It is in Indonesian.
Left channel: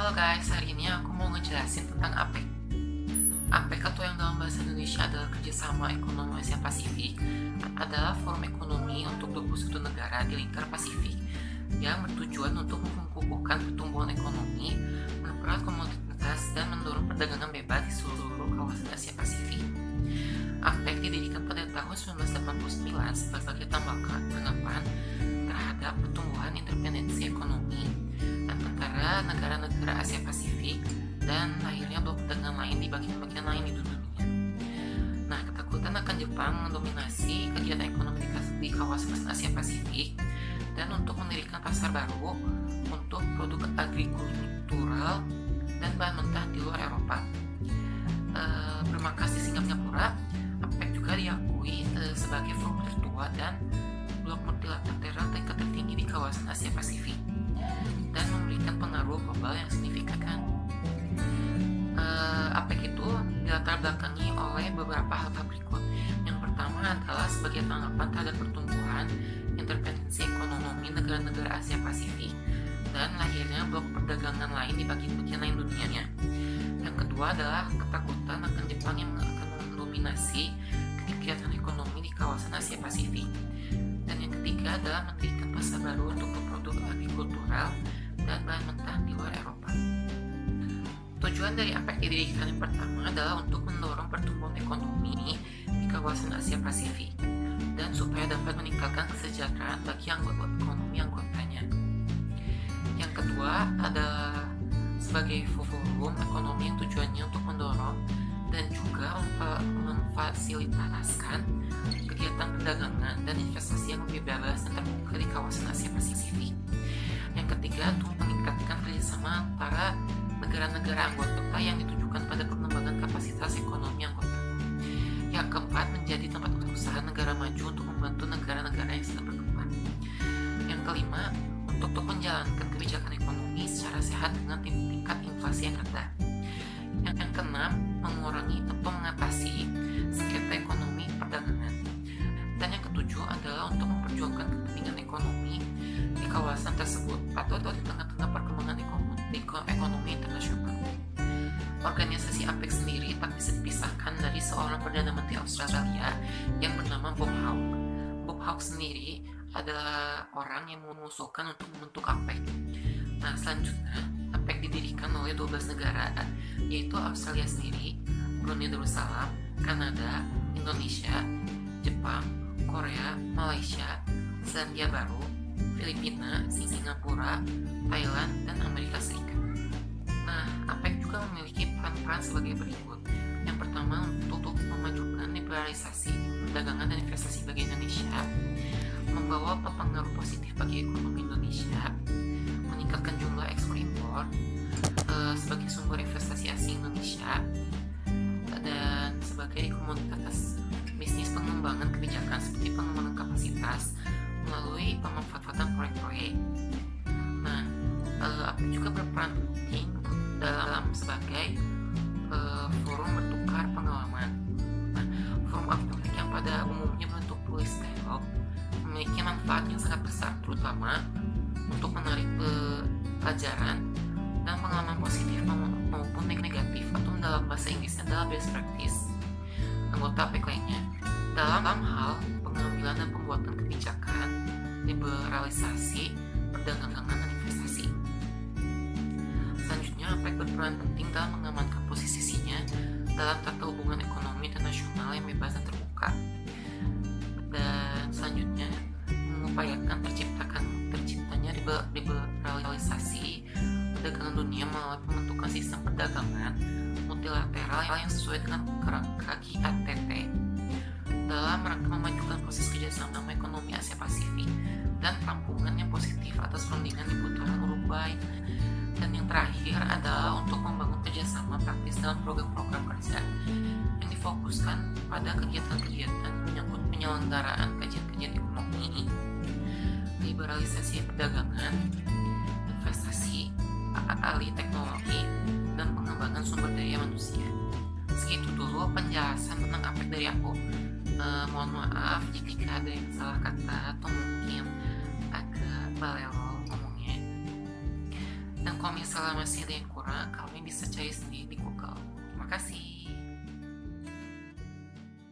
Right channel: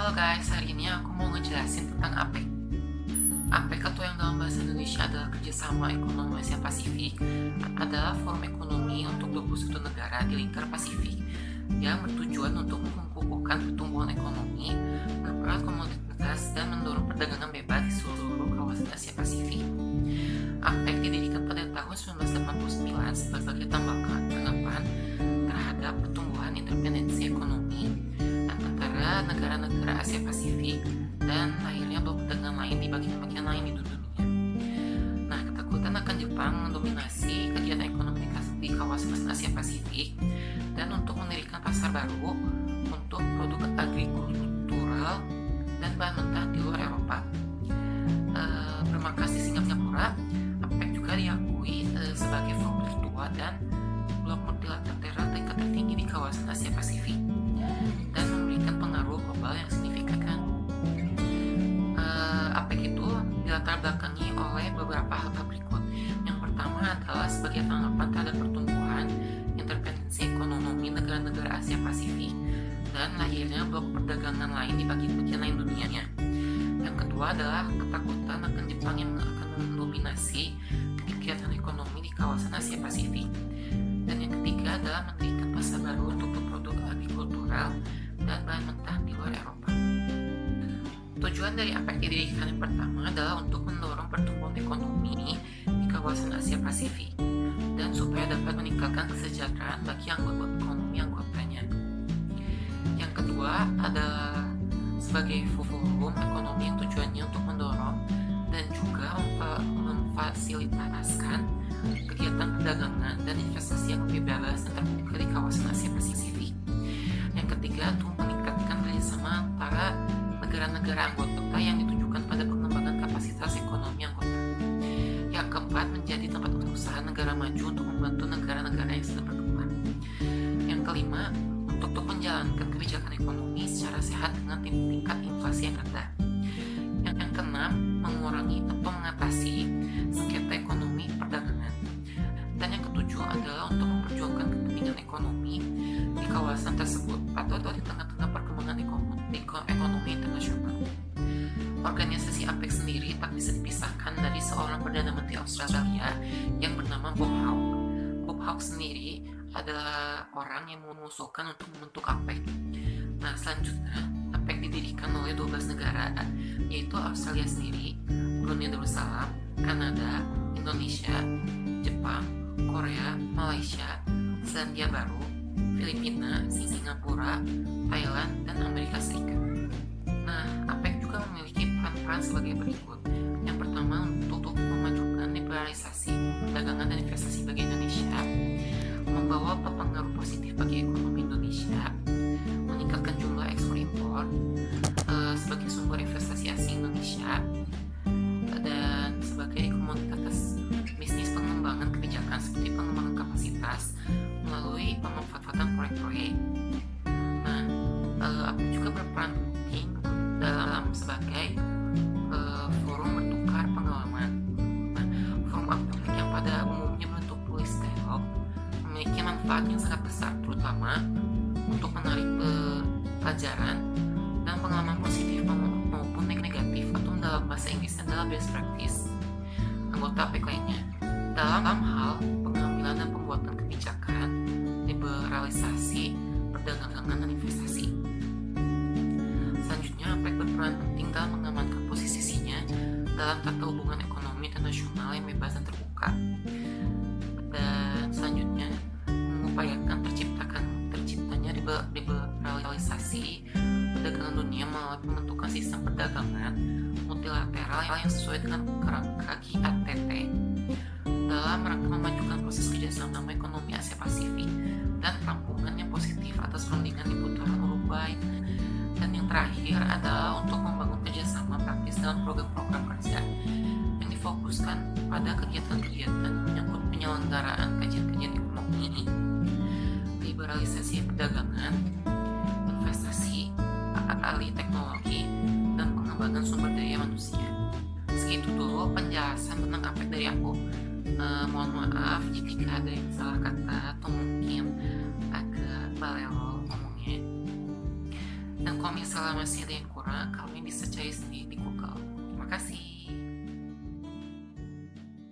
Halo guys, hari ini aku mau ngejelasin tentang APEC. APEC atau yang dalam bahasa Indonesia adalah Kerjasama Ekonomi Asia Pasifik, adalah forum ekonomi untuk 21 negara di lingkar Pasifik yang bertujuan untuk mengukuhkan pertumbuhan ekonomi, mempererat komoditas, dan mendorong perdagangan bebas di seluruh kawasan Asia Pasifik. APEC didirikan pada tahun 1989 sebagai tanggapan terhadap pertumbuhan independensi ekonomi antara negara-negara Asia Pasifik dan akhirnya blok perdagangan lain di bagian-bagian lain di dunia. Nah, ketakutan akan Jepang mendominasi kegiatan ekonomi di kawasan Asia Pasifik dan untuk mendirikan pasar baru untuk produk agrikultural dan bahan mentah di luar Eropa. Bermarkas di Singapura, APEC juga diakui sebagai forum tertua dan blok multilateral tingkat tertinggi di kawasan Asia Pasifik dan memberikan pengaruh global yang signifikan. APEC itu dilatar belakangi oleh beberapa hal berikut. Yang pertama adalah sebagai tanggapan terhadap pertumbuhan intervensi ekonomi negara-negara Asia Pasifik dan lahirnya blok perdagangan lain di bagian-bagian lain dunianya. Yang kedua adalah ketakutan akan Jepang yang akan mendominasi kegiatan ekonomi di kawasan Asia Pasifik. Dan yang ketiga adalah mendirikan pasar baru untuk produk agrikultural dan bahan mentah di luar Eropa. Tujuan dari APEC didirikan yang pertama adalah untuk mendorong pertumbuhan ekonomi di kawasan Asia Pasifik dan supaya dapat meningkatkan kesejahteraan bagi anggota ekonomi anggotanya. Yang kedua adalah sebagai forum ekonomi yang tujuannya untuk mendorong dan juga memfasilitasikan kegiatan perdagangan dan investasi yang lebih bebas dan terbuka di kawasan Asia Pasifik. Yang ketiga, untuk meningkatkan kerjasama antara negara-negara anggota yang ditujukan pada pengembangan kapasitas ekonomi anggota. Yang keempat, menjadi tempat usaha negara maju untuk membantu negara-negara yang sedang berkembang. Yang kelima, untuk menjalankan kebijakan ekonomi secara sehat dengan tingkat inflasi yang rendah. Yang keenam, mengurangi atau mengatasi sengketa ekonomi perdagangan. Dan yang ketujuh adalah untuk memperjuangkan kepentingan ekonomi di kawasan tersebut atau di tengah-tengah perkembangan ekonomi internasional. Organisasi APEC sendiri tak bisa dipisahkan dari seorang Perdana Menteri Australia yang bernama Bob Hawke. Bob Hawke sendiri adalah orang yang mengusulkan untuk membentuk APEC. Nah, selanjutnya APEC didirikan oleh 12 negara, yaitu Australia sendiri, Brunei Darussalam, Kanada, Indonesia, Jepang, Korea, Malaysia, Selandia Baru, Filipina, Singapura, Thailand, dan Amerika Serikat. Nah, APEC juga memiliki peran-peran sebagai berikut. Yang pertama, untuk memajukan liberalisasi perdagangan dan investasi bagi Indonesia, membawa pengaruh positif bagi ekonomi Indonesia, meningkatkan jumlah ekspor impor sebagai sumber investasi asing Indonesia, dan sebagai komoditas bisnis pengembangan kebijakan seperti pengembangan kapasitas melalui pemanfaatan proyek-proyek. Nah, APEC juga berperan penting dalam sebagai forum bertukar pengalaman. Nah, forum APEC yang pada umumnya berbentuk tulis dialog memiliki manfaat yang sangat besar, terutama untuk menarik pelajaran dan pengalaman positif maupun negatif, atau dalam bahasa Inggrisnya adalah best practice anggota APEC lainnya dalam hal pengambilan dan pembuatan kebijakan, liberalisasi, perdagangan, dan investasi. Selanjutnya, APEC berperan penting dalam mengamankan posisinya dalam tata hubungan ekonomi internasional yang bebas dan terbuka. Dan selanjutnya, mengupayakan terciptanya liberalisasi perdagangan dunia melalui pembentukan sistem perdagangan multilateral yang sesuai dengan kerangka GATT dalam rangka memajukan proses kerjasama ekonomi Asia Pasifik dan perampungan yang positif atas perundingan di putaran Uruguay. Dan yang terakhir adalah untuk membangun kerjasama praktis dalam program-program kerja yang difokuskan pada kegiatan-kegiatan menyangkut penyelenggaraan kajian-kajian ekonomi, liberalisasi perdagangan, investasi, alih teknologi, dan pengembangan sumber daya manusia. Segitu dulu penjelasan tentang APEC dari aku. Mohon maaf jika ada yang salah kata atau mungkin agak balelo ngomongnya. Dan kalau misalnya masih ada yang kurang, kalian bisa cari sendiri di Google. Terima kasih.